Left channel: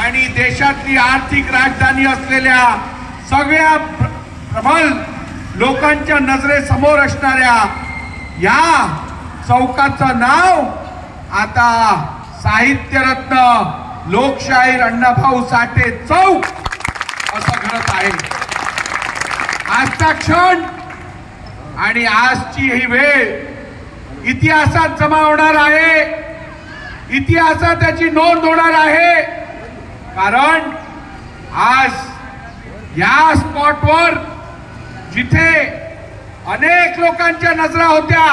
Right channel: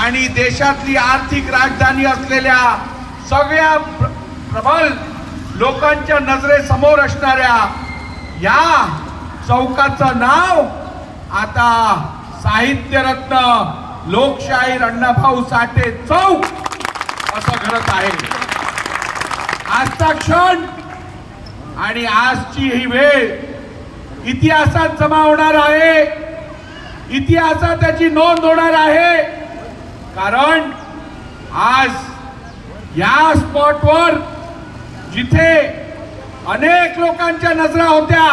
आणि देशातली आर्थिक राजधानी असलेल्या सगळ्या प्रबल लोकांच्या नजरेसमोर असणाऱ्या या चौकाचं नाव आता साहित्यरत्न लोकशाहीर अण्णाभाऊ साठे चौक असं घडत आहे। आजचा क्षण आणि आजची ही वेळ इतिहासात जमा होणार आहे, इतिहासात त्याची नोंद होणार आहे। कारण आज या स्पॉटवर जिथे अनेक लोकांच्या नजरा होत्या,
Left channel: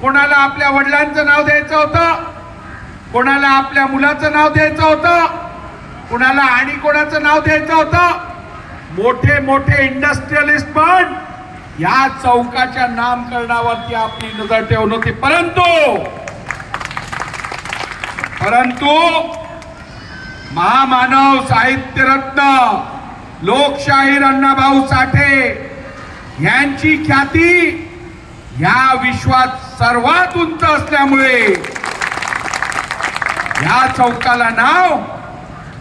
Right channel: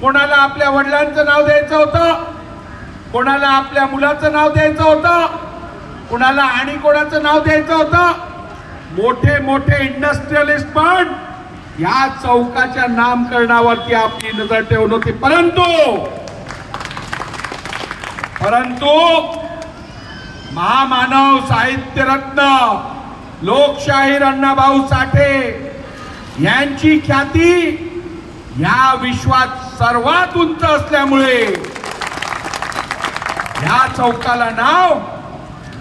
कोणाला आपल्या वडिलांचं नाव द्यायचं होतं, कोणाला आपल्या मुलाचं नाव द्यायचं होतं, कोणाला आणि कोणाचं नाव द्यायचं होतं, मोठे मोठे इंडस्ट्रियलिस्ट पण या चौकाच्या नामकरणावरती आपली नजर ठेवून होते। परंतु महामानव साहित्यरत्न लोकशाहीर अण्णाभाऊ साठे यांची ख्याती या विश्वात सर्वात उंच असल्यामुळे या चौकाला नाव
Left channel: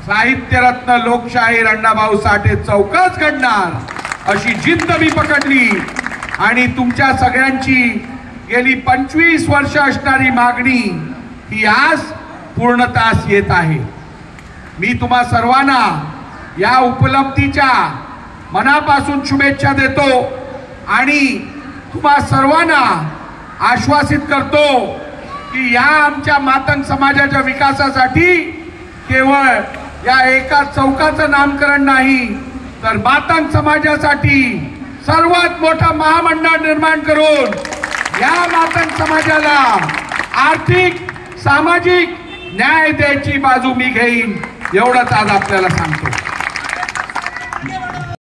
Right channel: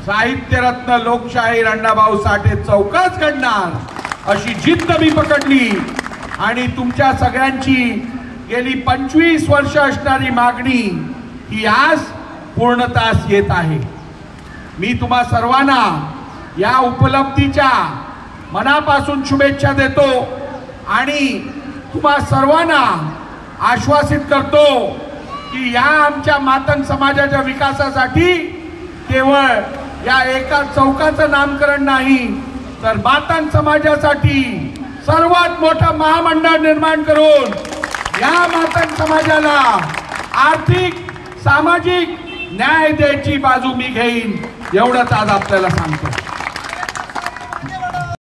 साहित्यरत्न लोकशाहीर अण्णाभाऊ साठे चौकच घडणार अशी जिद्द मी पकडली आणि तुमच्या सगळ्यांची गेली 25 वर्ष असणारी मागणी ही आज पूर्णतास येत आहे। मी तुम्हा सर्वांना या उपलब्धीच्या मनापासून शुभेच्छा देतो आणि तुम्हा सर्वांना आश्वासित करतो की या आमच्या मातंग समाजाच्या विकासासाठी केवळ या एका चौकाचं नामकरण नाही, तर मातंग समाजासाठी सर्वात मोठं महामंडळ निर्माण करून या मातंग समाजाला आर्थिक सामाजिक न्याय द्यायची बाजू मी घेईन, एवढंच आज आपल्याला सांगतो।